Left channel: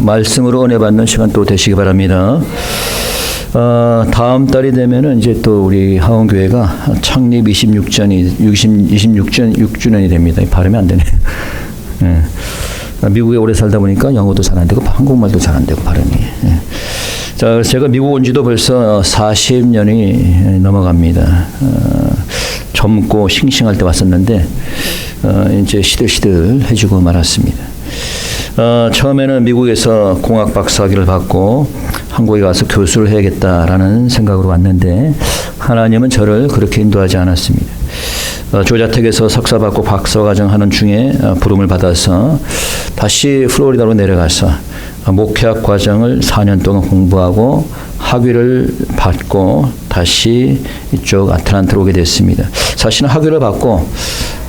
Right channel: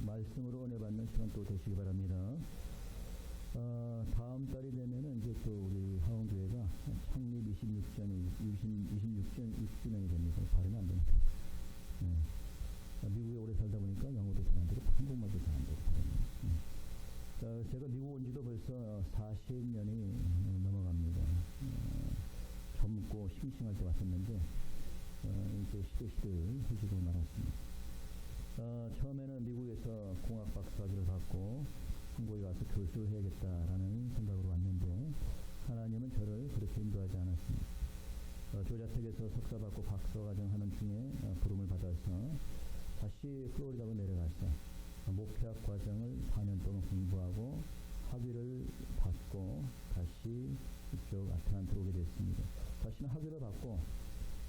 말씀으로 은혜 받는 시간 또 되시기 바랍니다. 다음 달이 되면은 이제 또 우리 하원교회가 창립 26주년이 됩니다. 발음이 안 되네. 예. 미국에 오래 살다 보니까 영어도 잘 안 되고 한국말도 잘 안 되고 발음이. 예. 자, 제가 미국 온 지도 벌써 40년이 넘어갑니다. 젊고 싱싱할 때 왔었는데 이제 시들시들해지고 말았습니다. 처음에는 미국에서 공학 박사학위를 받고 한국에 가서 교수를 해야겠다라는 생각으로 왔는데 하나님은 저를 그렇게 인도하지 않았습니다. 조자택에서 석사 받고 박사과정 하는 중에 부름을 받아서 다시 플로리다로 내려가서 목회학 과정을 4년 동안 공부하고 학위를 받고 다시 이쪽 아틀란타로 오게 됐습니다. 사실은 학위를 받고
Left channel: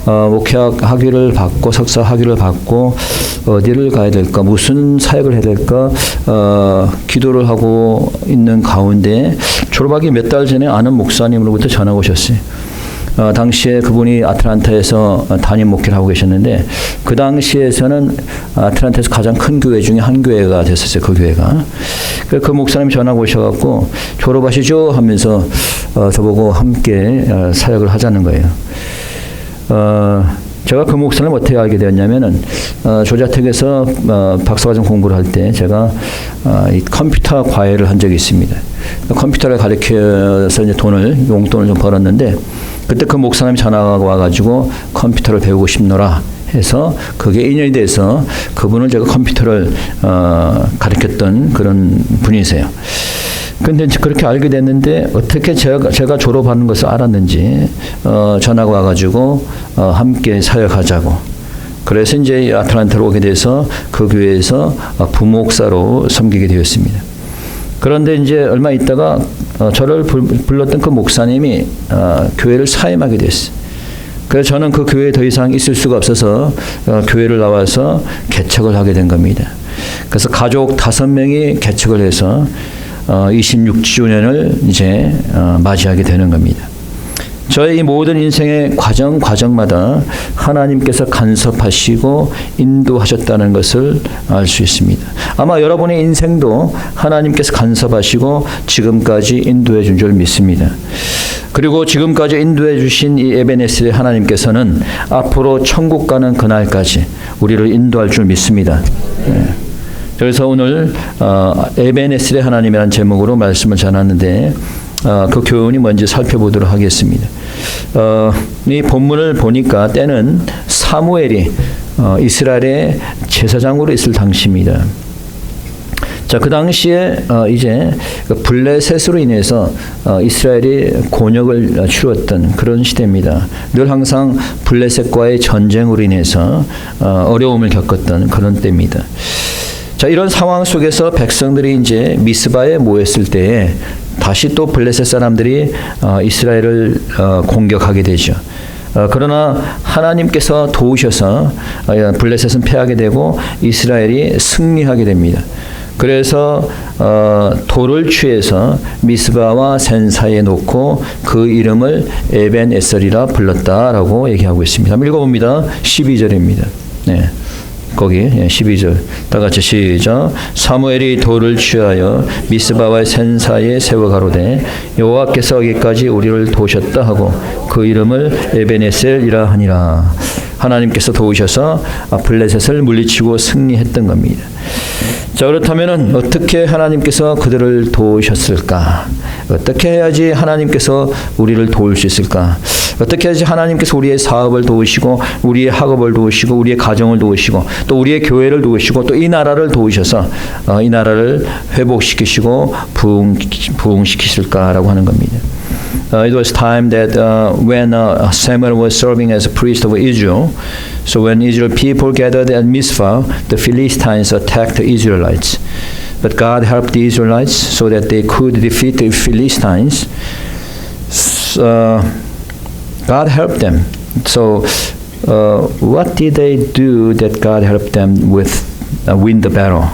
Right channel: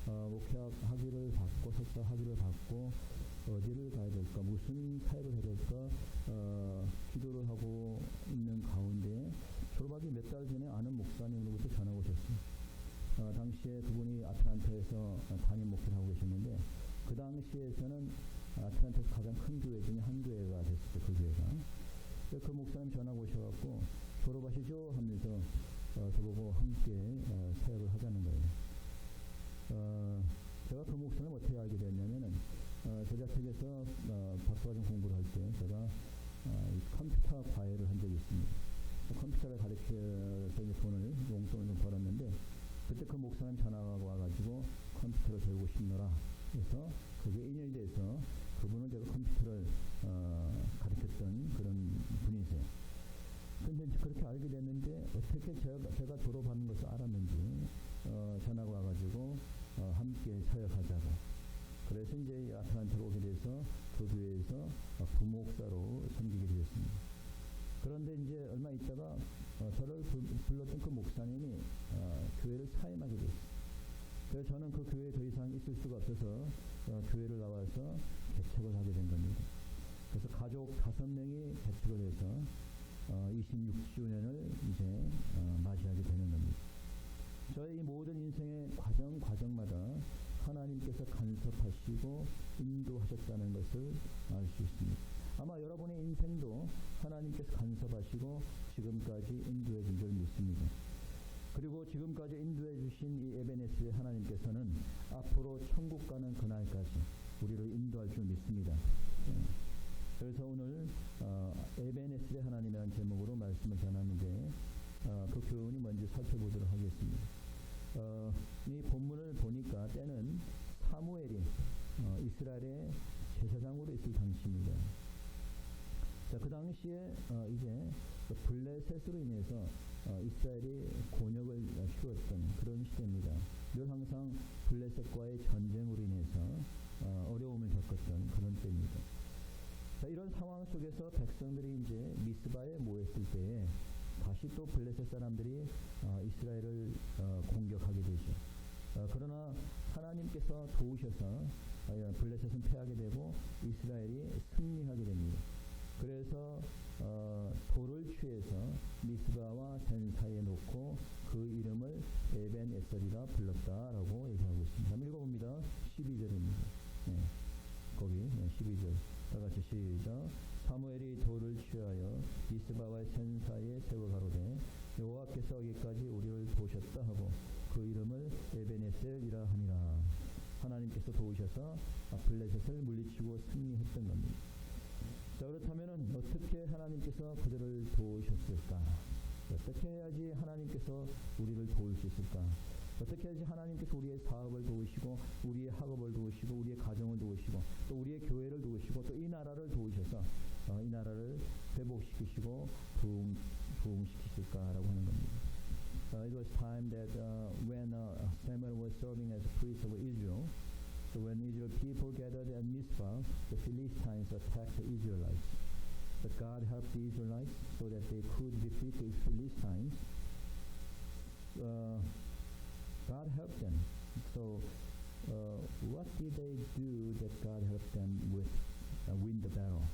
목회학 학위를 받고 석사 학위를 받고 어디를 가야 될까, 무슨 사역을 해야 될까 기도를 하고 있는 가운데 졸업하기 몇 달 전에 아는 목사님으로부터 전화가 오셨어요. 당시에 그분이 아틀란타에서 담임 목회를 하고 계셨는데 그 당시에서는 아틀란타에서 가장 큰 교회 중에 한 교회가 됐었어요. 그 교회가. 그 목사님이 전화가 오셔갖고 졸업하시죠 하면서 저보고 함께 사역을 하자는 거예요. 제가 그 목사님을 어떻게 알게 되었냐면은 조자택에서 박사과정 공부를 할 때 제가 이 컴퓨터 과외를 한 적이 있습니다. 컴퓨터를 가르쳐서 이제 용돈을 좀 벌었는데 그때 그 목사님이 전화가 와가지고 컴퓨터를 배우고 싶노라 해서 그게 인연이 돼서 그분을 제가 컴퓨터를 가르쳤던 그런 분이세요. 근데 그렇게 알게 됐는데 어떻게 제가 졸업하는 것을 알았는지 전화가 와가지고 함께 사역하자고. 그래서 이제 아틀란타로 오게 돼서 그 교회에서 부목사로 섬기게 되었습니다. 그런데 이제 얼마 있다가 저를 불렀던 그 목사님이 교회를 사임하게 됐어요. 그래서 저는 그 교회에 더 이상 있을 수가 없어서 교회를 나와서 개척을 하게 된 겁니다. 그래서 가족 5명이 개척을 해서 26주년을 이제 맞이하게 되는 겁니다. 저의 모든 인생의 과정마다 하나님께서 간섭하시고 인도하셨다는 것을 알 수 있습니다. 아마 여러분의 인생도 하나님께서 간섭하시고 지금까지 인도해 준 줄 믿습니다. 그리고 지금까지 인도해 주신 이 에베네셀의 하나님께서는 앞으로 천국 가는 그날까지 우리를 인도할 줄 믿습니다. 네. 그래서 오늘 에베네셀의 하나님이라는 제목으로 말씀을 전하는데 그 교훈이 뭔지 살펴보도록 하겠습니다. 이 본문을 보니까 때는 사무엘이 이스라엘의 제사장으로 있을 당시입니다. 자, 그 당시에 이제 블레셋으로 인해서 이스라엘이 곤욕을 치루었던 그런 시대입니다. 늘 항상 블레셋과의 전쟁으로 인해서 어려움을 겪었던 그런 때입니다. 자, 이런 상황 속에서 백성들이 이제 미스바에 모였을 때에 다시 또 블레셋 사람들이 이스라엘을 공격하게 되죠. 그러나 하나님께서 도우셔서 블레셋은 패하게 되고 이스라엘이 승리하게 됩니다. 그래서 돌을 취해서 미스바와 센 사이에 놓고 그 이름을 에벤에셀이라 불렀다라고 얘기하고 있습니다. 한번 읽어봅니다. 12절입니다. 네. 거기 12절 다 같이 시작. 사무엘이 돌을 취하여 미스바와 센 사이에 세워 가로되 여호와께서 여기까지 우리를 도우셨다 하고 그 이름을 에베네셀이라 하니라. 하나님께서 도우셔서 블레셋을 물리치고 승리했던 겁니다. 자, 그렇다면은 어떻게 하나님께서 그들을 도우셨을까? 어떻게 해야지 하나님께서 우리를 도울 수 있을까? 어떻게 해야지 하나님께서 우리의 사업을 도우시고 우리의 학업을 도우시고 우리의 가정을 도우시고 또 우리의 교회를 도우시고 또 이 나라를 도우셔서 이 나라를 회복시키시고 부흥시키실까라고 하는 겁니다. It was time that when Samuel was serving as a priest of Israel, so when Israel people gathered at Mizpah, the Philistines attacked the Israelites. But God helped the Israelites so that they could defeat the Philistines. God helped them. So what did they do that God helped them with win the battle?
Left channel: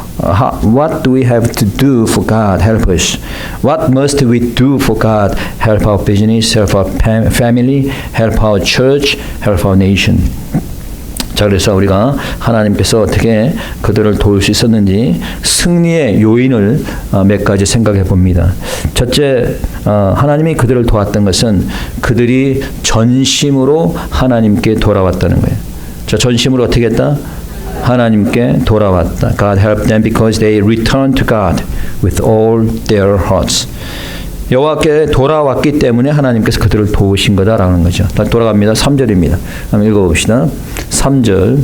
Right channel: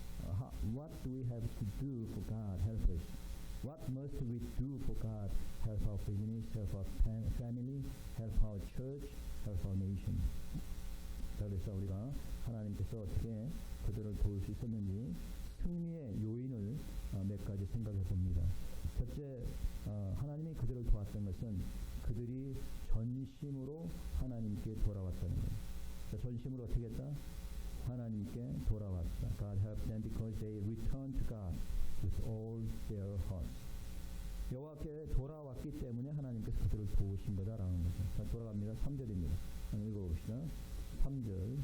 What do we have to do for God help us? What must we do for God help our business, help our family, help our church, help our nation? 자, 그래서 우리가 하나님께서 어떻게 그들을 도울 수 있었는지 승리의 요인을 몇 가지 생각해 봅니다. 첫째, 하나님이 그들을 도왔던 것은 그들이 전심으로 하나님께 돌아왔다는 거예요. 자, 전심으로 어떻게 했다? 하나님께 돌아왔다. God helped them because they returned to God with all their hearts. 여호와께 돌아왔기 때문에 하나님께서 그들을 도우신 거다라는 거죠. 돌아갑니다. 3절입니다. 한번 읽어봅시다. 3절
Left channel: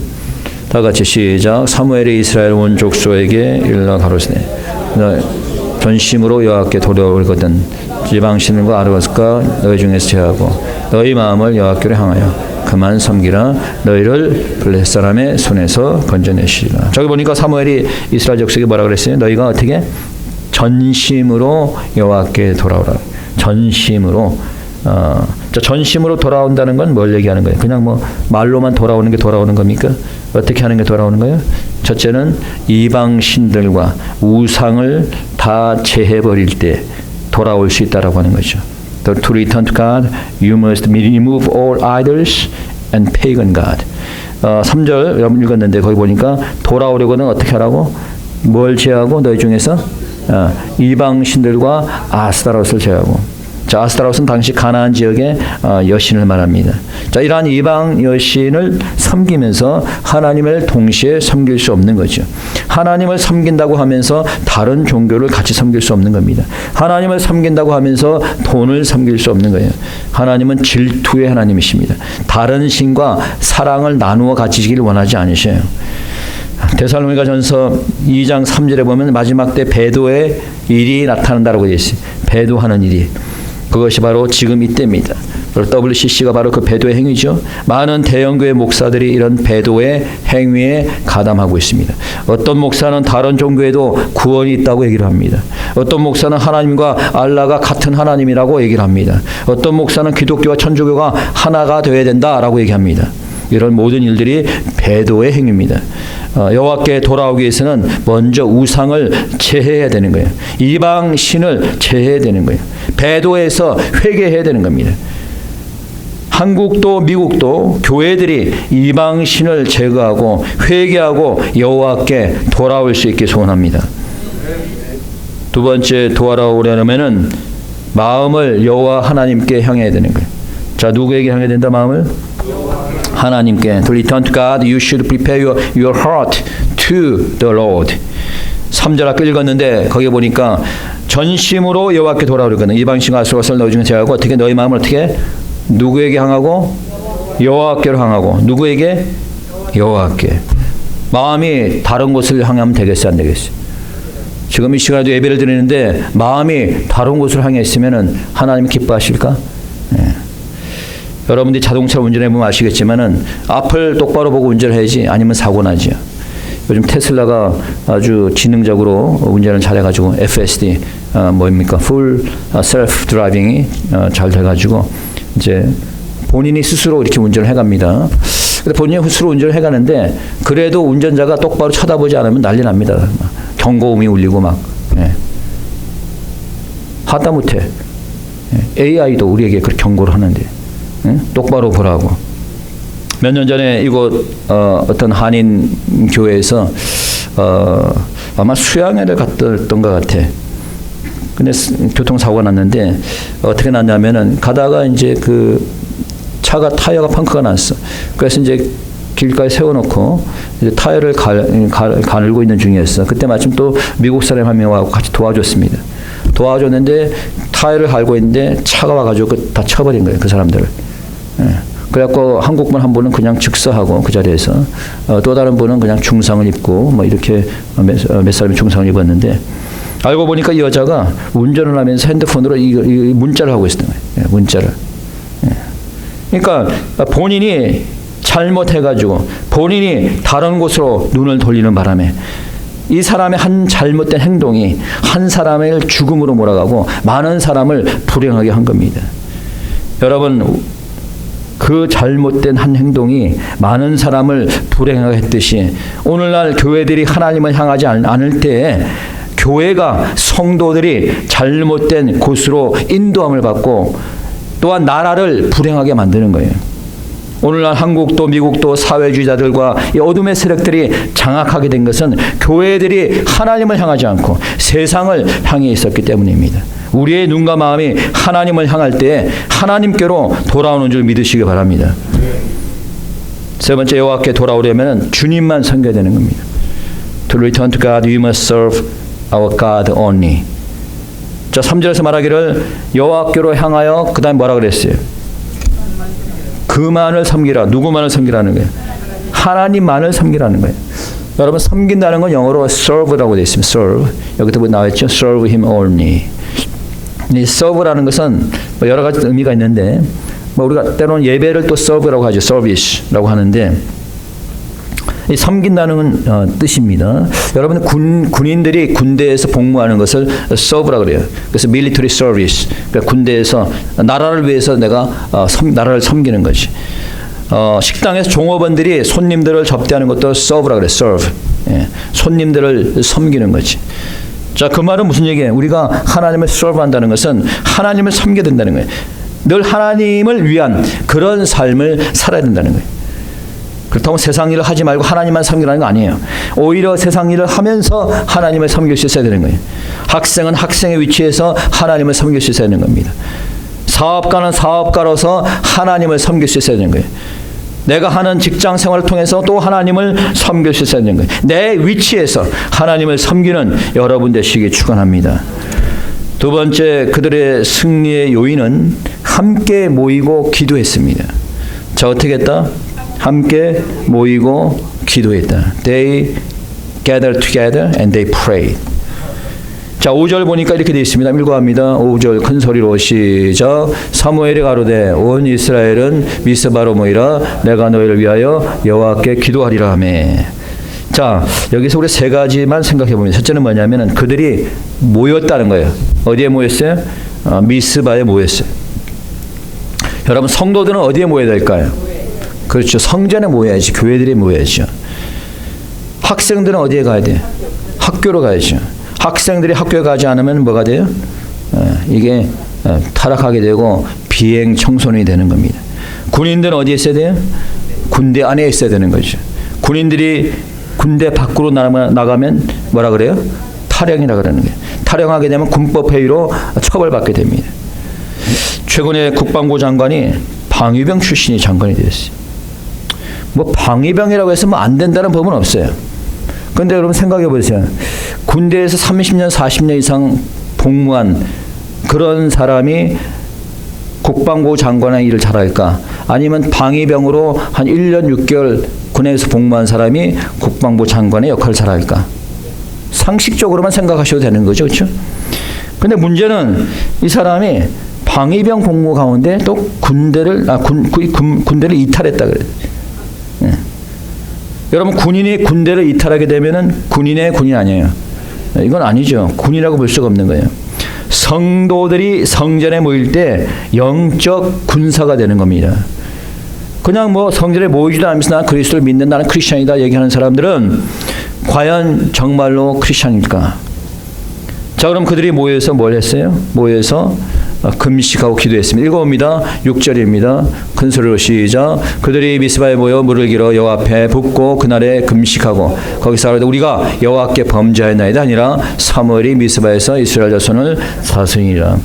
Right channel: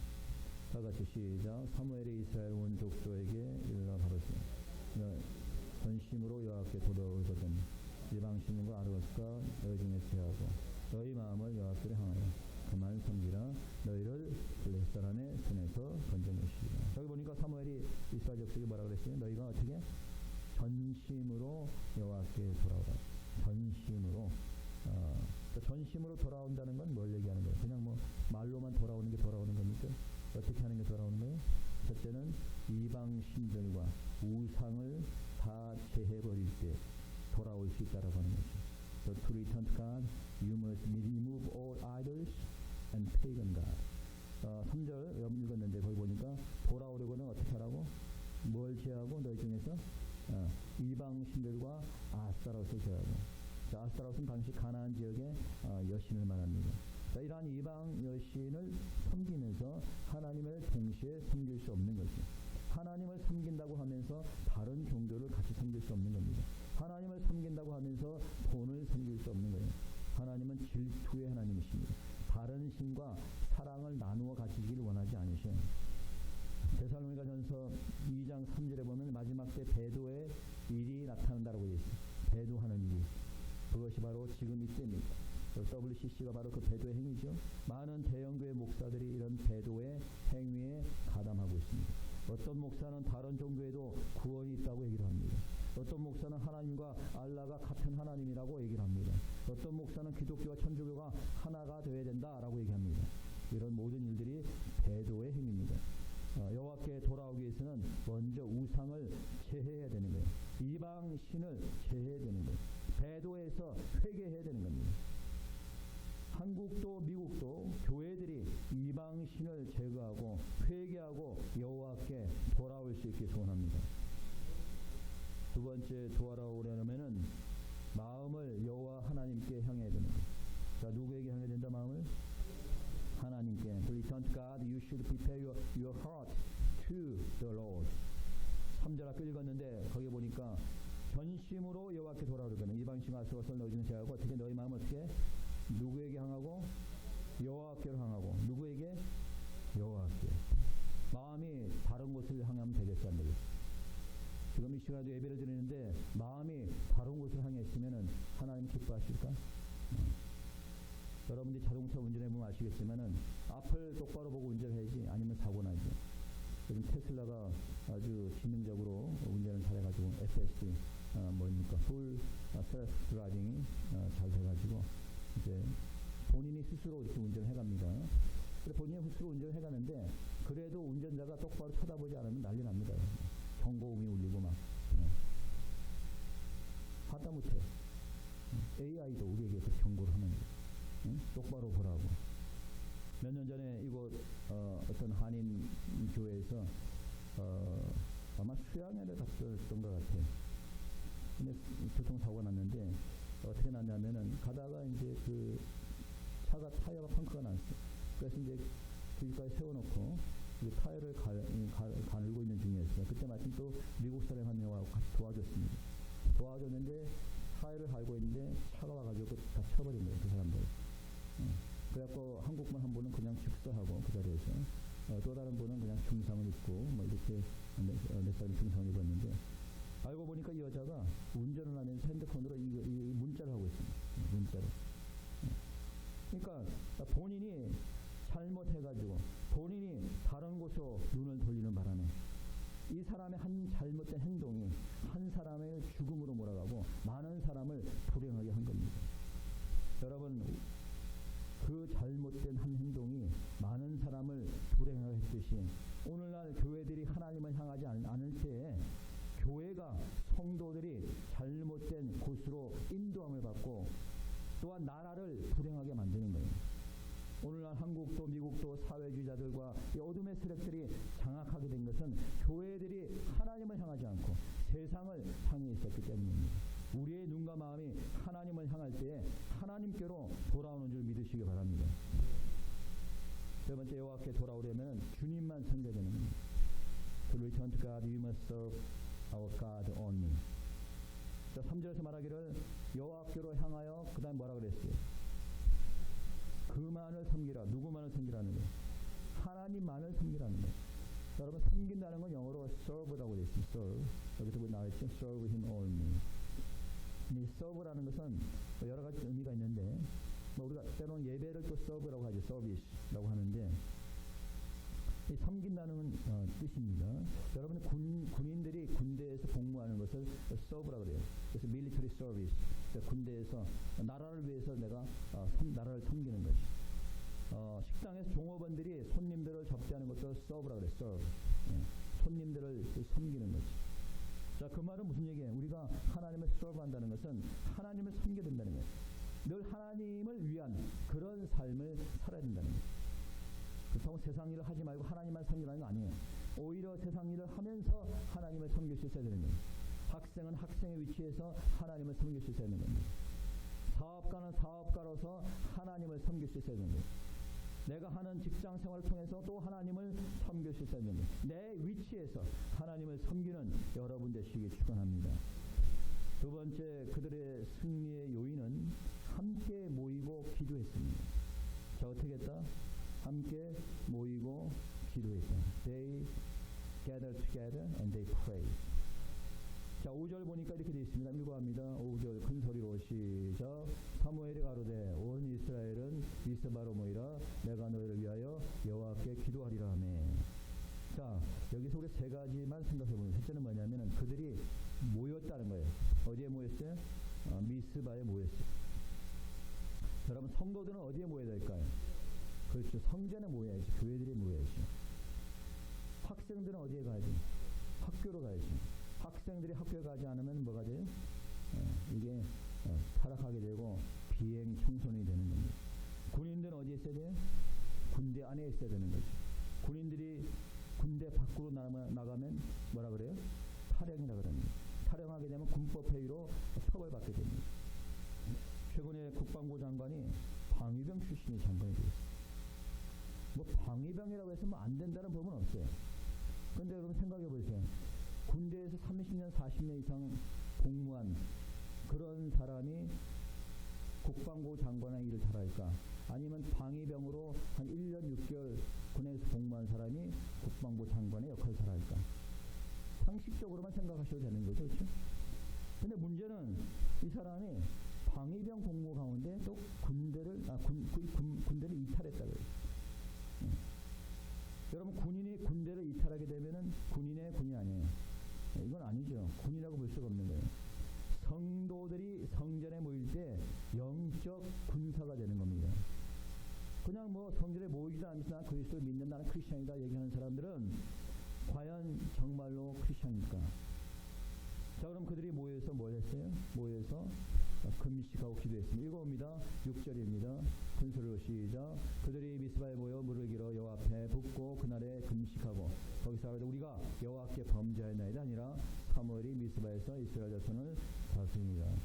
다 같이 시작. 사무엘이 이스라엘 온 족속에게 일러 가로시되 전심으로 여호와께 돌아오거든 지방신과 아르바스과 너희 중에서 제하고 너희 마음을 여호와께로 향하여 그만 섬기라. 너희를 블레셋 사람의 손에서 건져내시리라. 저기 보니까 사무엘이 이스라엘 족속에게 뭐라 그랬어요? 너희가 어떻게 전심으로 여호와께 돌아오라. 전심으로. 전심으로 돌아온다는 건 뭘 얘기하는 거예요? 그냥 뭐 말로만 돌아오는 게 돌아오는 겁니까? 어떻게 하는 게 돌아오는 거예요? 첫째는 이방 신들과 우상을 다 제해버릴 때 돌아올 수 있다라고 하는 거죠. To return to God, you must remove all idols and pagan God. 3절 여러분 읽었는데 거기 보니까 돌아오려고는 어떻게 하라고? 뭘 제하고 너희 중에서 이방 신들과 아스타롯을 제하고. 자, 아스타롯은 당시 가나안 지역의 여신을 말합니다. 자, 이러한 이방 여신을 섬기면서 하나님을 동시에 섬길 수 없는 거죠. 하나님을 섬긴다고 하면서 다른 종교를 같이 섬길 수 없는 겁니다. 하나님을 섬긴다고 하면서 돈을 섬길 수 없는 거예요. 하나님은 질투의 하나님이십니다. 다른 신과 사랑을 나누어 가지시길 원하지 않으셔요. 데살로니가전서 2장 3절에 보면 마지막 때 배도의 일이 나타난다고 되어 있어요. 배도하는 일이. 그것이 바로 지금 이때입니다. WCC가 바로 그 배도의 행위죠. 많은 대형교회 목사들이 이런 배도의 행위에 가담하고 있습니다. 어떤 목사는 다른 종교에도 구원이 있다고 얘기를 합니다. 어떤 목사는 하나님과 알라가 같은 하나님이라고 얘기를 합니다. 어떤 목사는 기독교와 천주교가 하나가 되어야 된다라고 얘기합니다. 이런 모든 일들이 배도의 행위입니다. 여호와께 돌아오기 위해서는 먼저 우상을 제해해야 되는 거예요. 이방 신을 제해해야 되는 거예요. 배도에서 회개해야 되는 겁니다. 한국도 미국도 교회들이 이방 신을 제거하고 회개하고 여호와께 돌아올 수 있게 소원합니다. 두 번째, 돌아오려면은 마음을 여호와 하나님께 향해야 되는 거예요. 자, 누구에게 향해야 된다? 마음을 하나님께. To return to God, you should prepare your heart to the Lord. 3절 아까 읽었는데 거기 보니까 전심으로 여호와께 돌아오려거든 이방신과 아스타롯을 너희 중에 제하고 어떻게 너희 마음을 어떻게 누구에게 향하고 여호와께로 향하고 누구에게 여호와께. 마음이 다른 곳을 향하면 되겠어요, 안 되겠어요? 지금 이 시간에도 예배를 드리는데 마음이 다른 곳을 향해 있으면은 하나님 기뻐하실까? 네. 여러분들이 자동차를 운전해보면 아시겠지만은 앞을 똑바로 보고 운전해야지 아니면 사고 나죠. 요즘 테슬라가 아주 지능적으로 운전을 잘해가지고 FSD 뭡니까? Full Self Driving이 잘 돼가지고 이제 본인이 스스로 이렇게 운전을 해갑니다. 근데 본인이 스스로 운전을 해가는데 그래도 운전자가 똑바로 쳐다보지 않으면 난리 납니다. 경고음이 울리고 막. 예. 하다못해 AI도 우리에게 그렇게 경고를 하는데. 똑바로 보라고. 몇 년 전에 이곳 어떤 한인 교회에서 아마 수양회를 갔던 것 같아. 근데 교통사고가 났는데 어떻게 났냐면은 가다가 이제 그 차가 타이어가 펑크가 났어. 그래서 이제 길가에 세워놓고 이제 타이어를 가늘고 있는 중이었어. 그때 마침 또 미국 사람 한 명하고 같이 도와줬습니다. 도와줬는데 타이어를 갈고 있는데 차가 와가지고 다 쳐버린 거예요. 그 사람들을. 예. 그래갖고 한국분 한 분은 그냥 즉사하고 그 자리에서 또 다른 분은 그냥 중상을 입고 뭐 이렇게 몇 사람이 중상을 입었는데 알고 보니까 이 여자가 운전을 하면서 핸드폰으로 이 문자를 하고 있었던 거예요. 예, 문자를. 예. 그러니까 본인이 잘못해가지고 본인이 다른 곳으로 눈을 돌리는 바람에 이 사람의 한 잘못된 행동이 한 사람을 죽음으로 몰아가고 많은 사람을 불행하게 한 겁니다. 여러분, 그 잘못된 한 행동이 많은 사람을 불행하게 했듯이 오늘날 교회들이 하나님을 향하지 않을 때에 교회가 성도들이 잘못된 곳으로 인도함을 받고 또한 나라를 불행하게 만드는 거예요. 오늘날 한국도 미국도 사회주의자들과 이 어둠의 세력들이 장악하게 된 것은 교회들이 하나님을 향하지 않고 세상을 향해 있었기 때문입니다. 우리의 눈과 마음이 하나님을 향할 때 하나님께로 돌아오는 줄 믿으시기 바랍니다. 세 번째, 여호와께 돌아오려면 주님만 섬겨야 되는 겁니다. To return to God, we must serve our God only. 자, 3절에서 말하기를 여호와께로 향하여 그 다음에 뭐라 그랬어요? 그만을 섬기라. 누구만을 섬기라는 거예요? 하나님만을 섬기라는 거예요. 여러분, 섬긴다는 건 영어로 serve라고 되어 있습니다. serve. 여기도 나와 있죠. serve him only. 이 serve라는 것은 뭐 여러 가지 의미가 있는데 뭐 우리가 때로는 예배를 또 serve라고 하죠. service라고 하는데 이 섬긴다는 뜻입니다. 여러분, 군인들이 군대에서 복무하는 것을 serve라 그래요. 그래서 military service. 그러니까 군대에서 나라를 위해서 내가 나라를 섬기는 거지. 식당에서 종업원들이 손님들을 접대하는 것도 serve라 그래요. serve. 예, 손님들을 섬기는 거지. 자, 그 말은 무슨 얘기예요? 우리가 하나님을 serve한다는 것은 하나님을 섬겨야 된다는 거예요. 늘 하나님을 위한 그런 삶을 살아야 된다는 거예요. 그렇다고 세상 일을 하지 말고 하나님만 섬기라는 거 아니에요. 오히려 세상 일을 하면서 하나님을 섬길 수 있어야 되는 거예요. 학생은 학생의 위치에서 하나님을 섬길 수 있어야 되는 겁니다. 사업가는 사업가로서 하나님을 섬길 수 있어야 되는 거예요. 내가 하는 직장 생활을 통해서 또 하나님을 섬길 수 있어야 되는 거예요. 내 위치에서 하나님을 섬기는 여러분 되시기 축원합니다. 두 번째, 그들의 승리의 요인은 함께 모이고 기도했습니다. 자, 어떻게 했다? 함께 모이고 기도했다. They gathered together and they prayed. 자, 5절 보니까 이렇게 되어 있습니다. 읽어갑니다. 5절 큰 소리로 시작. 사무엘이 가로되 온 이스라엘은 미스바로 모이라 내가 너희를 위하여 여호와께 기도하리라 하매. 자, 여기서 우리 세 가지만 생각해 보면, 첫째는 뭐냐면은 그들이 모였다는 거예요. 어디에 모였어요? 미스바에 모였어요. 여러분, 성도들은 어디에 모여야 될까요? 그렇죠. 성전에 모여야지. 교회들이 모여야죠. 학생들은 어디에 가야 돼요? 학교로 가야죠. 학생들이 학교에 가지 않으면 뭐가 돼요? 이게 타락하게 되고 비행 청소년이 되는 겁니다. 군인들은 어디에 있어야 돼요? 군대 안에 있어야 되는 거죠. 군인들이 군대 밖으로 나가면 뭐라 그래요? 탈영이라 그러는 거예요. 탈영하게 되면 군법회의로 처벌받게 됩니다. 최근에 국방부 장관이 방위병 출신이 장관이 되었어요. 뭐 방위병이라고 해서 뭐 안 된다는 법은 없어요. 그런데 여러분 생각해 보세요. 군대에서 30년, 40년 이상 복무한 그런 사람이 국방부 장관의 일을 잘할까? 아니면 방위병으로 한 1년 6개월 군에서 복무한 사람이 국방부 장관의 역할을 잘할까? 상식적으로만 생각하셔도 되는 거죠. 그렇죠? 근데 문제는 이 사람이 방위병 복무 가운데 또 군대를 이탈했다 그래요. 네. 여러분, 군인이 군대를 이탈하게 되면은 군인의 군인 아니에요. 이건 아니죠. 군이라고 볼 수가 없는 거예요. 성도들이 성전에 모일 때 영적 군사가 되는 겁니다. 그냥 뭐 성전에 모이지도 않으면서 나는 그리스도를 믿는, 나는 크리스천이다 얘기하는 사람들은 과연 정말로 크리스천일까? 자, 그럼 그들이 모여서 뭘 했어요? 모여서 금식하고 기도했습니다. 읽어봅니다. 6절입니다. 큰 소리로 시작. 그들이 미스바에 모여 물을 길어 여호와 앞에 붓고 그날에 금식하고 거기서 하루에 우리가 여호와께 범죄하였나이다 아니라 사무엘이 미스바에서 이스라엘 자손을 사수니라.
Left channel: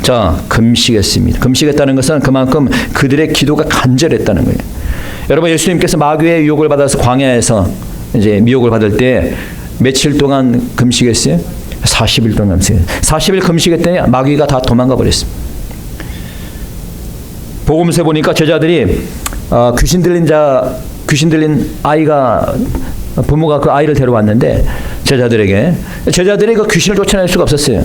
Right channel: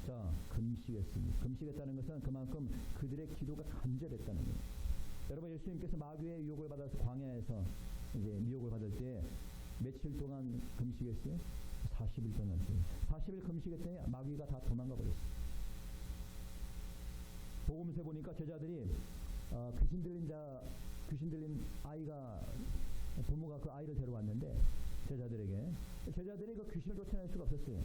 자, 금식했습니다. 금식했다는 것은 그만큼 그들의 기도가 간절했다는 거예요. 여러분, 예수님께서 마귀의 유혹을 받아서 광야에서 이제 미혹을 받을 때 며칠 동안 금식했어요? 40일 동안 금식했어요. 40일 금식했더니 마귀가 다 도망가 버렸습니다. 복음서에 보니까 제자들이 귀신 들린 아이가, 부모가 그 아이를 데려왔는데 제자들이 그 귀신을 쫓아낼 수가 없었어요.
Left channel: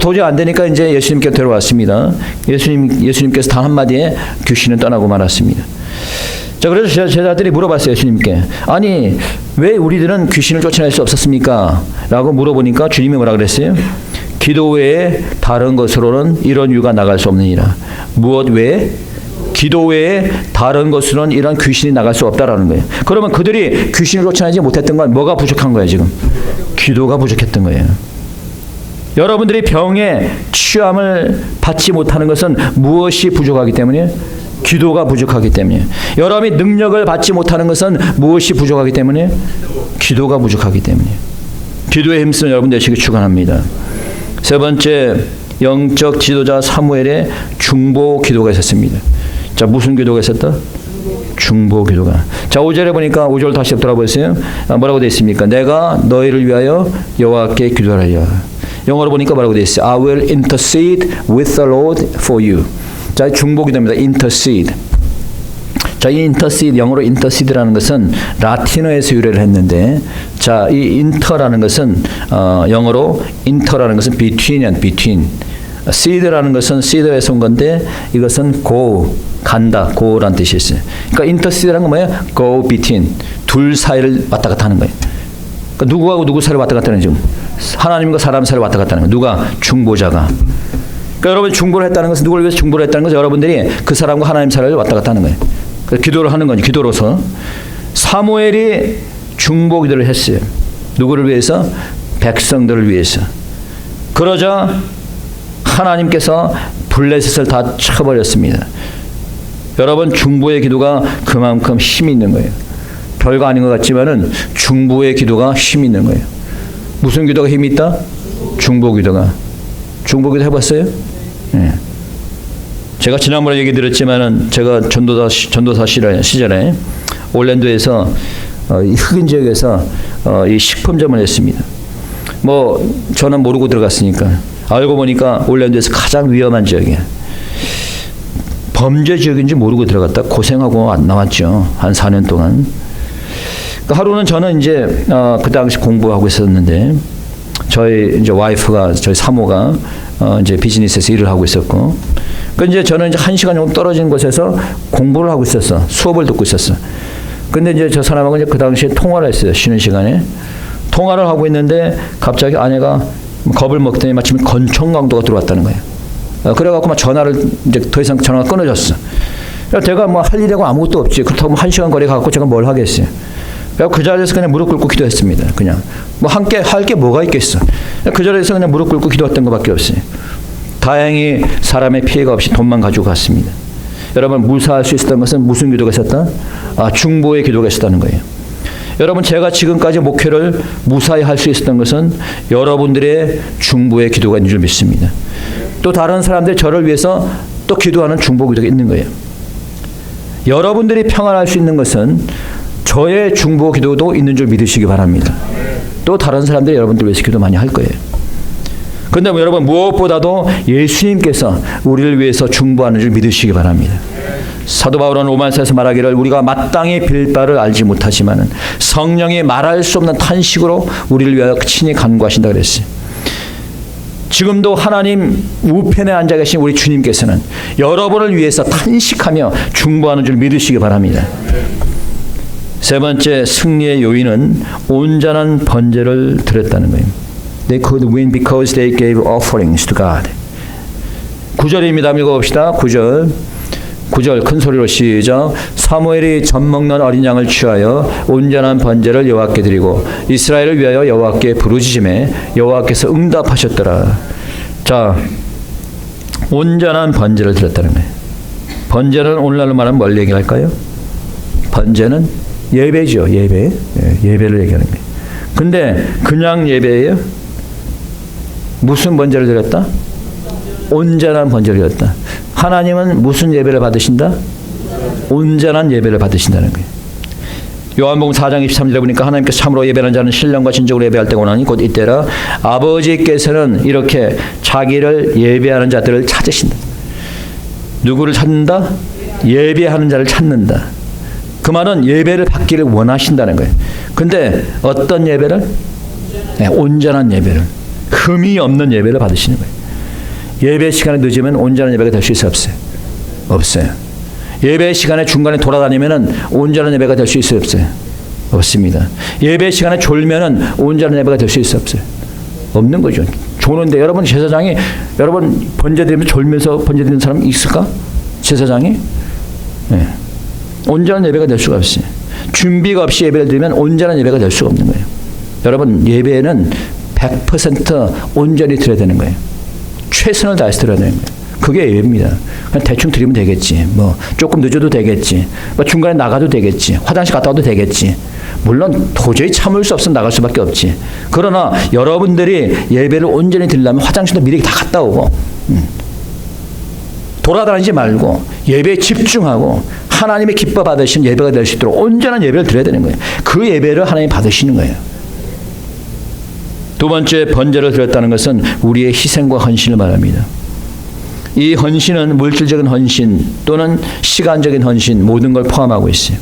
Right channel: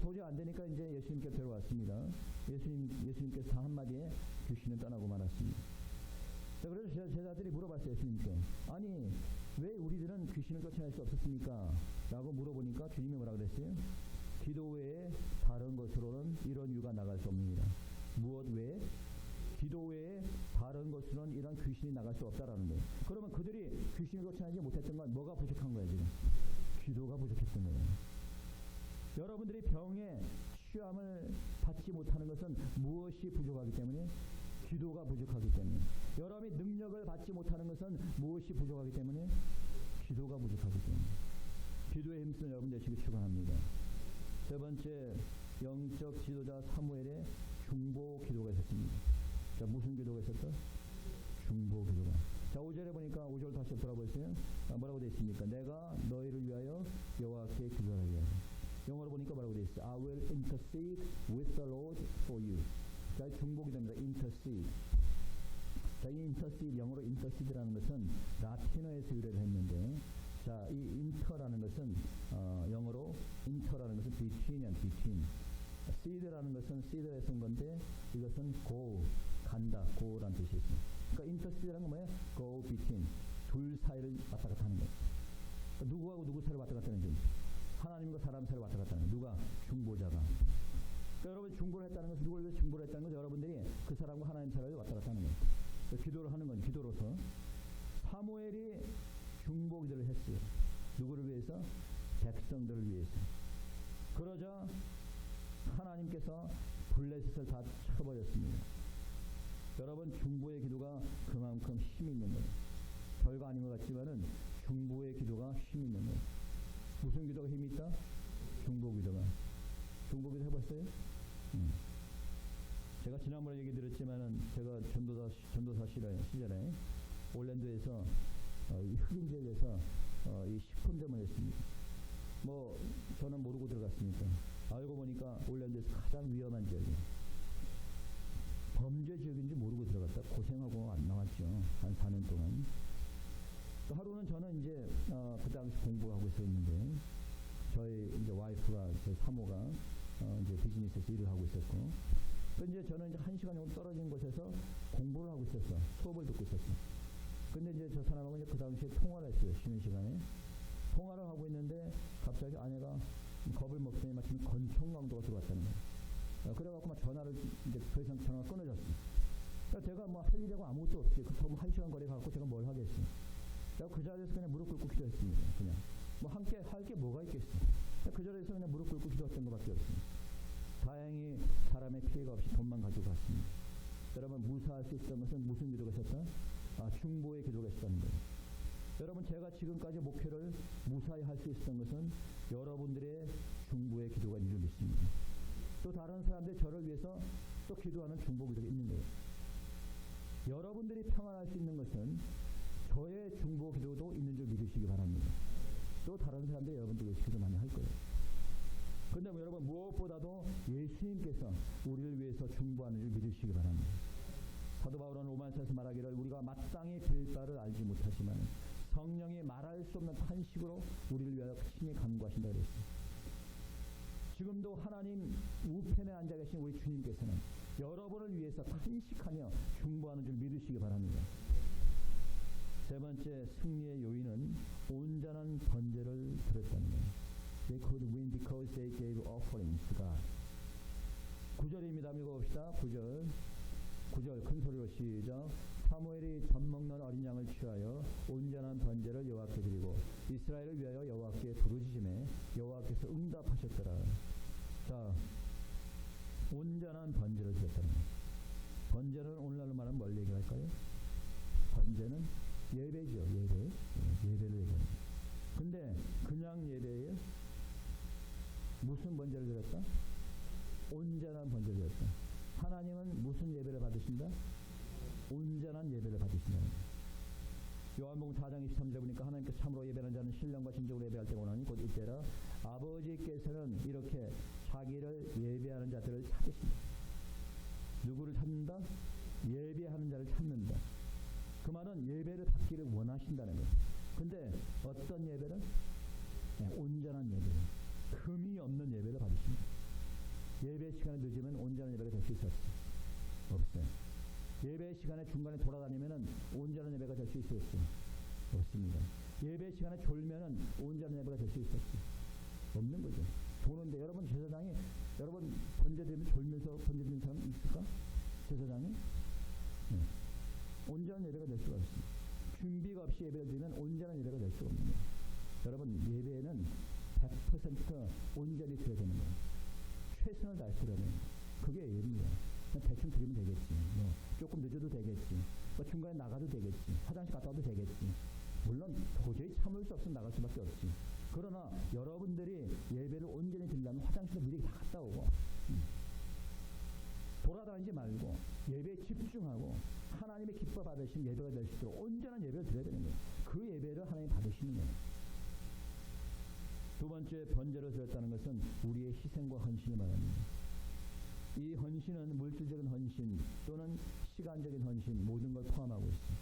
도저히 안 되니까 이제 예수님께 데려왔습니다. 예수님께서 단 한마디에 귀신은 떠나고 말았습니다. 자, 그래서 제자들이 물어봤어요. 예수님께. 아니, 왜 우리들은 귀신을 쫓아낼 수 없었습니까? 라고 물어보니까 주님이 뭐라 그랬어요? 기도 외에 다른 것으로는 이런 유가 나갈 수 없느니라. 무엇 외에? 기도 외에 다른 것으로는 이런 귀신이 나갈 수 없다라는 거예요. 그러면 그들이 귀신을 쫓아내지 못했던 건 뭐가 부족한 거예요, 지금? 기도가 부족했던 거예요. 여러분들이 병에 취함을 받지 못하는 것은 무엇이 부족하기 때문에? 기도가 부족하기 때문에. 여러분이 능력을 받지 못하는 것은 무엇이 부족하기 때문에? 기도가 부족하기 때문에. 기도에 힘쓰는 여러분 되시기 축원합니다. 세 번째, 영적 지도자 사무엘의 중보 기도가 있었습니다. 자, 무슨 기도가 있었다? 중보 기도가. 자, 5절에 보니까 5절 다시 돌아보세요. 뭐라고 되어 있습니까? 내가 너희를 위하여 여호와께 기도하려. 영어로 보니까 뭐라고 되어 있어요? I will intercede with the Lord for you. 자, 중보 기도입니다. intercede. 자, 이 intercede, 영어로 intercede라는 것은 라틴어에서 유래를 했는데, 자, 이 inter라는 것은 영어로 inter라는 것은 between이야, between. seed라는 것은 seed에서 온 건데, 이것은 go, 간다, go라는 뜻이 있어요. 그러니까 intercede라는 건 뭐예요? go between, 둘 사이를 왔다 갔다 하는 거예요. 그러니까 누구하고 누구 사이를 왔다 갔다 하는 거죠. 하나님과 사람 사이를 왔다 갔다 하는 거예요. 누가? 중보자가. 그러니까 여러분 중보를 했다는 것은 누구를 위해서 중보를 했다는 것은 여러분들이 그 사람과 하나님 사이를 왔다 갔다 하는 거예요. 그래서 기도를 하는 거죠. 기도로서. 사무엘이 중보 기도를 했어요. 누구를 위해서? 백성들을 위해서. 그러자 하나님께서 블레셋을 다 쳐버렸습니다. 여러분 중보의 기도가 그만큼 힘이 있는 거예요. 별거 아닌 것 같지만은 중보의 기도가 힘이 있는 거예요. 무슨 기도가 힘이 있다? 중보 기도가. 중보 기도 해봤어요? 네. 제가 지난번에 얘기 드렸지만은 제가 전도사 시절에 올랜도에서 이 흑인 지역에서 이 식품점을 했습니다. 뭐 저는 모르고 들어갔으니까 알고 보니까 올랜도에서 가장 위험한 지역이에요. 범죄 지역인지 모르고 들어갔다 고생하고 안 나왔죠. 한 4년 동안. 그러니까 하루는 저는 이제 그 당시 공부하고 있었는데 저희 이제 와이프가 저희 사모가 이제 비즈니스에서 일을 하고 있었고, 그 이제 저는 이제 1시간 정도 떨어진 곳에서 공부를 하고 있었어. 수업을 듣고 있었어. 근데 이제 저 사람하고 이제 그 당시에 통화를 했어요. 쉬는 시간에 통화를 하고 있는데 갑자기 아내가 겁을 먹더니 마침 권총 강도가 들어왔다는 거예요. 그래갖고 막 전화를 이제 더 이상 전화가 끊어졌어. 제가 뭐 할 일이라고 아무것도 없지. 그렇다고 1시간 거리 가갖고 제가 뭘 하겠어요. 그래서 그 자리에서 그냥 무릎 꿇고 기도했습니다. 그냥 뭐 함께 할 게 뭐가 있겠어. 그 자리에서 그냥 무릎 꿇고 기도했던 것밖에 없어요. 다행히 사람의 피해가 없이 돈만 가지고 갔습니다. 여러분 무사할 수 있었던 것은 무슨 기도가 있었다? 중보의 기도가 있었다는 거예요. 여러분 제가 지금까지 목회를 무사히 할 수 있었던 것은 여러분들의 중보의 기도가 있는 줄 믿습니다. 또 다른 사람들 저를 위해서 또 기도하는 중보 기도가 있는 거예요. 여러분들이 평안할 수 있는 것은 저의 중보 기도도 있는 줄 믿으시기 바랍니다. 또 다른 사람들이 여러분들 위해서 기도 많이 할 거예요. 그런데 여러분 무엇보다도 예수님께서 우리를 위해서 중보하는 줄 믿으시기 바랍니다. 사도 바울은 로마서에서 말하기를 우리가 마땅히 빌 바를 알지 못하지만은 성령이 말할 수 없는 탄식으로 우리를 위하여 친히 간구하신다 그랬어요. 지금도 하나님 우편에 앉아 계신 우리 주님께서는 여러분을 위해서 탄식하며 중보하는 줄 믿으시기 바랍니다. 세 번째 승리의 요인은 온전한 번제를 드렸다는 거예요. They could win because they gave offerings to God. 9절입니다. 읽어봅시다. 9절 큰 소리로 시작. 사무엘이 젖 먹는 어린 양을 취하여 온전한 번제를 여호와께 드리고 이스라엘을 위하여 여호와께 부르짖음에 여호와께서 응답하셨더라. 자, 온전한 번제를 드렸다는 거예요. 번제는 오늘날로 말하면 뭘 얘기할까요? 번제는 예배죠. 예배. 예배를 얘기하는 거예요. 근데 그냥 예배예요? 무슨 번제를 드렸다? 온전한 번제를 드렸다. 하나님은 무슨 예배를 받으신다? 온전한 예배를 받으신다는 거예요. 요한복음 4장 23절에 보니까 하나님께서 참으로 예배하는 자는 신령과 진정으로 예배할 때가 오나니 곧 이때라. 아버지께서는 이렇게 자기를 예배하는 자들을 찾으신다. 누구를 찾는다? 예배하는 자를 찾는다. 그 말은 예배를 받기를 원하신다는 거예요. 근데 어떤 예배를? 온전한 예배를. 흠이 없는 예배를 받으시는 거예요. 예배 시간에 늦으면 온전한 예배가 될 수 있어요? 없어요? 없어요. 예배 시간에 중간에 돌아다니면 온전한 예배가 될 수 있어요? 없어요? 없습니다. 예배 시간에 졸면은 온전한 예배가 될 수 있어요? 없어요? 없는 거죠. 조는데 여러분 제사장이 여러분 번제 드리면 졸면서 번제 드리는 사람 있을까? 제사장이? 네. 온전한 예배가 될 수가 없어요. 준비가 없이 예배를 드리면 온전한 예배가 될 수가 없는 거예요. 여러분 예배는 100% 온전히 드려야 되는 거예요. 최선을 다해서 드려야 되는 거예요. 그게 예배입니다. 그냥 대충 드리면 되겠지. 뭐 조금 늦어도 되겠지. 뭐 중간에 나가도 되겠지. 화장실 갔다 와도 되겠지. 물론 도저히 참을 수 없으면 나갈 수밖에 없지. 그러나 여러분들이 예배를 온전히 드리려면 화장실도 미리 다 갔다 오고 돌아다니지 말고 예배에 집중하고 하나님의 기뻐 받으신 예배가 될 수 있도록 온전한 예배를 드려야 되는 거예요. 그 예배를 하나님 받으시는 거예요. 두 번째, 번제를 드렸다는 것은 우리의 희생과 헌신을 말합니다. 이 헌신은 물질적인 헌신 또는 시간적인 헌신 모든 걸 포함하고 있어요.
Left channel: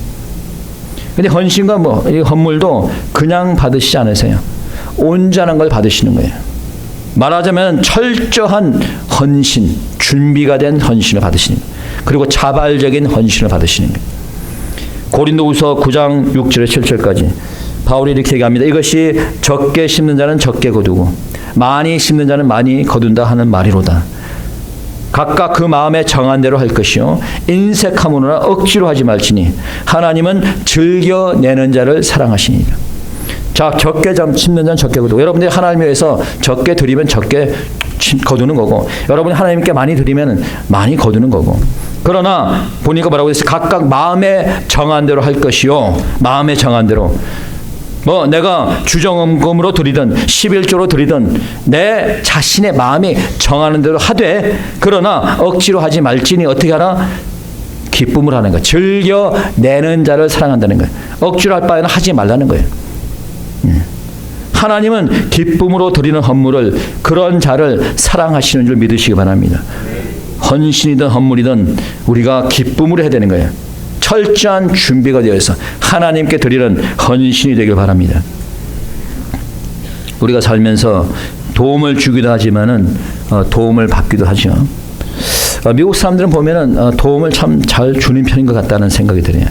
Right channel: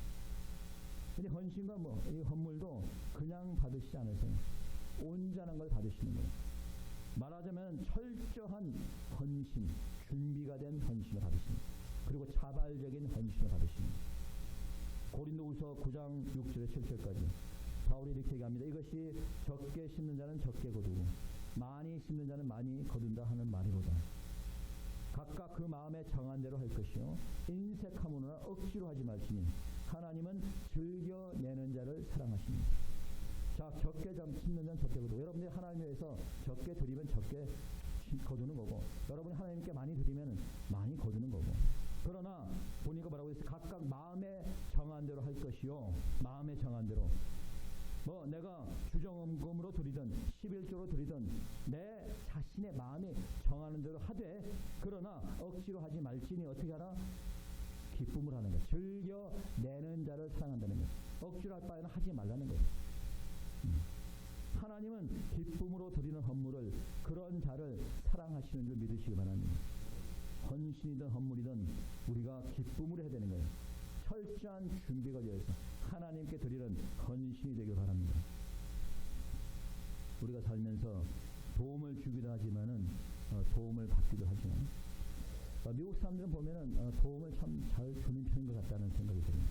근데 헌신과 이 헌물도 그냥 받으시지 않으세요. 온전한 걸 받으시는 거예요. 말하자면 철저한 헌신, 준비가 된 헌신을 받으시는 거예요. 그리고 자발적인 헌신을 받으시는 거예요. 고린도후서 9장 6절에 7절까지 바울이 이렇게 얘기합니다. 이것이 적게 심는 자는 적게 거두고 많이 심는 자는 많이 거둔다 하는 말이로다. 각각 그 마음에 정한 대로 할 것이요 인색함으로나 억지로 하지 말지니 하나님은 즐겨 내는 자를 사랑하시니라. 자, 적게 심는 자는 적게 거두고, 여러분들이 하나님 위해서 적게 드리면 적게 거두는 거고, 여러분이 하나님께 많이 드리면 많이 거두는 거고. 그러나 보니까 뭐라고 했어요? 각각 마음에 정한 대로 할 것이요, 마음에 정한 대로. 뭐 내가 주정금으로 드리든 11조로 드리든 내 자신의 마음이 정하는 대로 하되, 그러나 억지로 하지 말지니 어떻게 하라? 기쁨을 하는 거예요. 즐겨 내는 자를 사랑한다는 거예요. 억지로 할 바에는 하지 말라는 거예요. 하나님은 기쁨으로 드리는 헌물을, 그런 자를 사랑하시는 줄 믿으시기 바랍니다. 헌신이든 헌물이든 우리가 기쁨으로 해야 되는 거예요. 철저한 준비가 되어서 하나님께 드리는 헌신이 되길 바랍니다. 우리가 살면서 도움을 주기도 하지만은 도움을 받기도 하죠. 미국 사람들은 보면은 도움을 참 잘 주는 편인 것 같다는 생각이 들어요.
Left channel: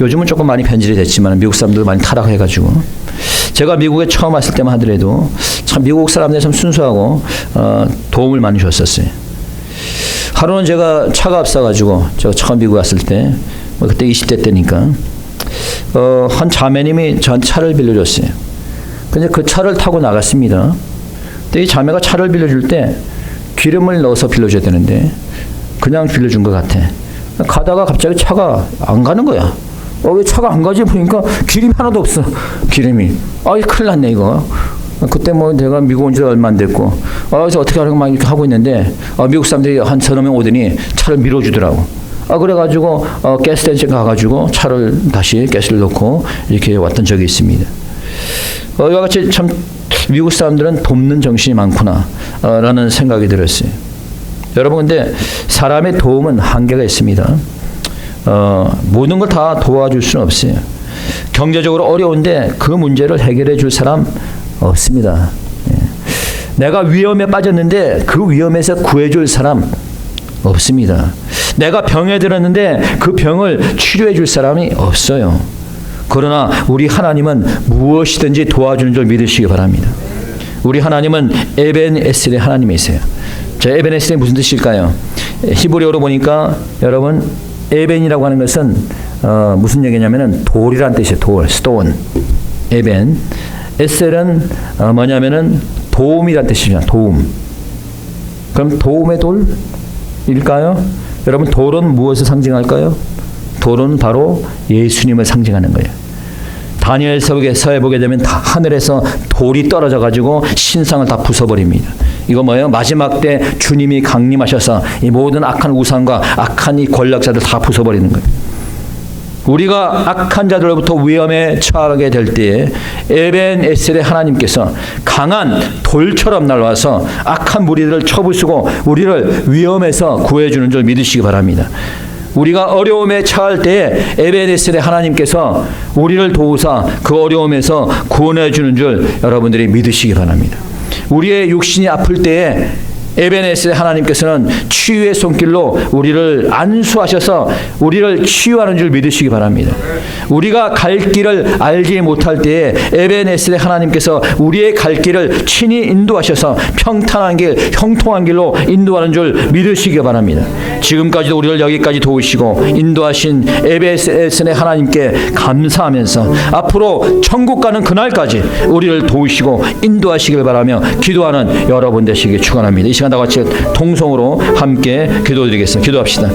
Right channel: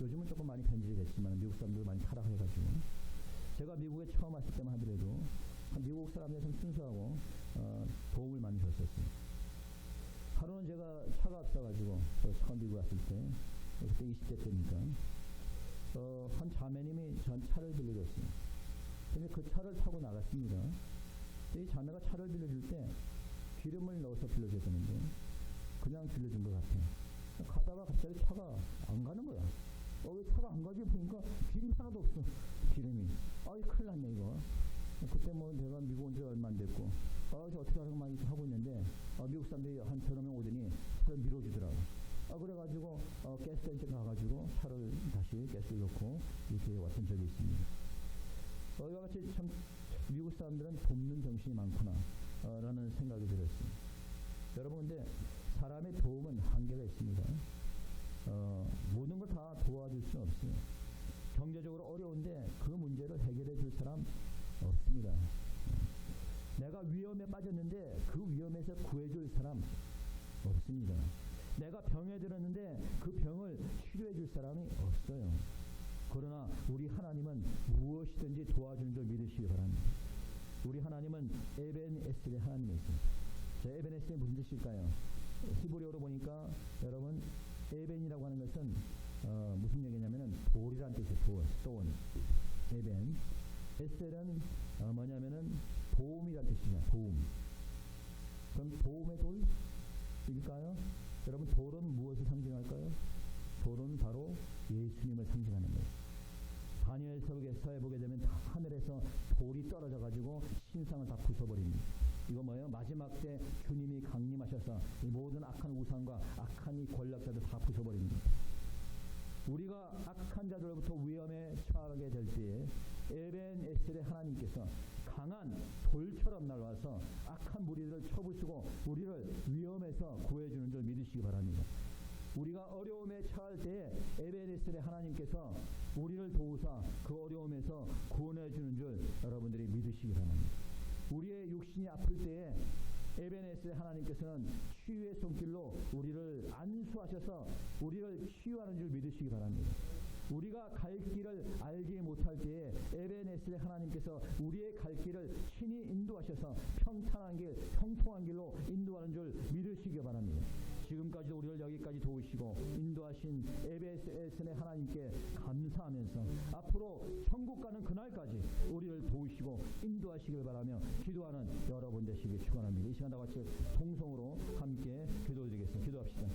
요즘은 조금 많이 변질이 됐지만 미국 사람들 많이 타락해가지고, 제가 미국에 처음 왔을 때만 하더라도 참 미국 사람들이 참 순수하고 도움을 많이 줬었어요. 하루는 제가 차가 없어가지고, 제가 처음 미국 왔을 때 그때 20대 때니까 한 자매님이 전 차를 빌려줬어요. 근데 그 차를 타고 나갔습니다. 근데 이 자매가 차를 빌려줄 때 기름을 넣어서 빌려줘야 되는데 그냥 빌려준 것 같아. 가다가 갑자기 차가 안 가는 거야. 왜 차가 안 가지? 보니까 기름이 하나도 없어. 기름이. 큰일 났네 이거. 그때 내가 미국 온 지 얼마 안 됐고, 그래서 어떻게 하려고 막 이렇게 하고 있는데 미국 사람들이 한 서너 명 오더니 차를 밀어주더라고. 그래가지고 가스스테이션 가가지고 차를 다시 가스를 넣고 이렇게 왔던 적이 있습니다. 이와 같이 참 미국 사람들은 돕는 정신이 많구나 라는 생각이 들었어요. 여러분, 근데 사람의 도움은 한계가 있습니다. 모든 걸 다 도와줄 수는 없어요. 경제적으로 어려운데 그 문제를 해결해 줄 사람 없습니다. 내가 위험에 빠졌는데 그 위험에서 구해줄 사람 없습니다. 내가 병에 들었는데 그 병을 치료해 줄 사람이 없어요. 그러나 우리 하나님은 무엇이든지 도와주는 줄 믿으시기 바랍니다. 우리 하나님은 에벤에셀의 하나님이세요. 자, 에벤에셀이 무슨 뜻일까요? 히브리어로 보니까 여러분, 에벤이라고 하는 것은 무슨 얘기냐면은 돌이란 뜻이에요. 돌, 스톤. 에벤. 에셀은 뭐냐면은 도움이란 뜻이죠. 도움. 그럼 도움의 돌일까요? 여러분, 돌은 무엇을 상징할까요? 돌은 바로 예수님을 상징하는 거예요. 다니엘서에 보게 되면 다 하늘에서 돌이 떨어져 가지고 신상을 다 부숴버립니다. 이거 뭐예요? 마지막 때 주님이 강림하셔서 이 모든 악한 우상과 악한 이 권력자들 다 부숴버리는 거예요. 우리가 악한 자들로부터 위험에 처하게 될 때에 에벤에셀의 하나님께서 강한 돌처럼 날아와서 악한 무리들을 쳐부수고 우리를 위험에서 구해주는 줄 믿으시기 바랍니다. 우리가 어려움에 처할 때에 에벤에셀의 하나님께서 우리를 도우사 그 어려움에서 구원해 주는 줄 여러분들이 믿으시기 바랍니다. 우리의 육신이 아플 때에 에벤에셀의 하나님께서는 치유의 손길로 우리를 안수하셔서 우리를 치유하는 줄 믿으시기 바랍니다. 우리가 갈 길을 알지 못할 때에 에벤에셀의 하나님께서 우리의 갈 길을 친히 인도하셔서 평탄한 길, 형통한 길로 인도하는 줄 믿으시기 바랍니다. 지금까지도 우리를 여기까지 도우시고 인도하신 에벤에셀의 하나님께 감사하면서 앞으로 천국 가는 그날까지 우리를 도우시고 인도하시길 바라며 기도하는 여러분 되시기 축원합니다. 이 시간 시간 다 같이 동성으로 함께 기도드리겠습니다. 기도합시다.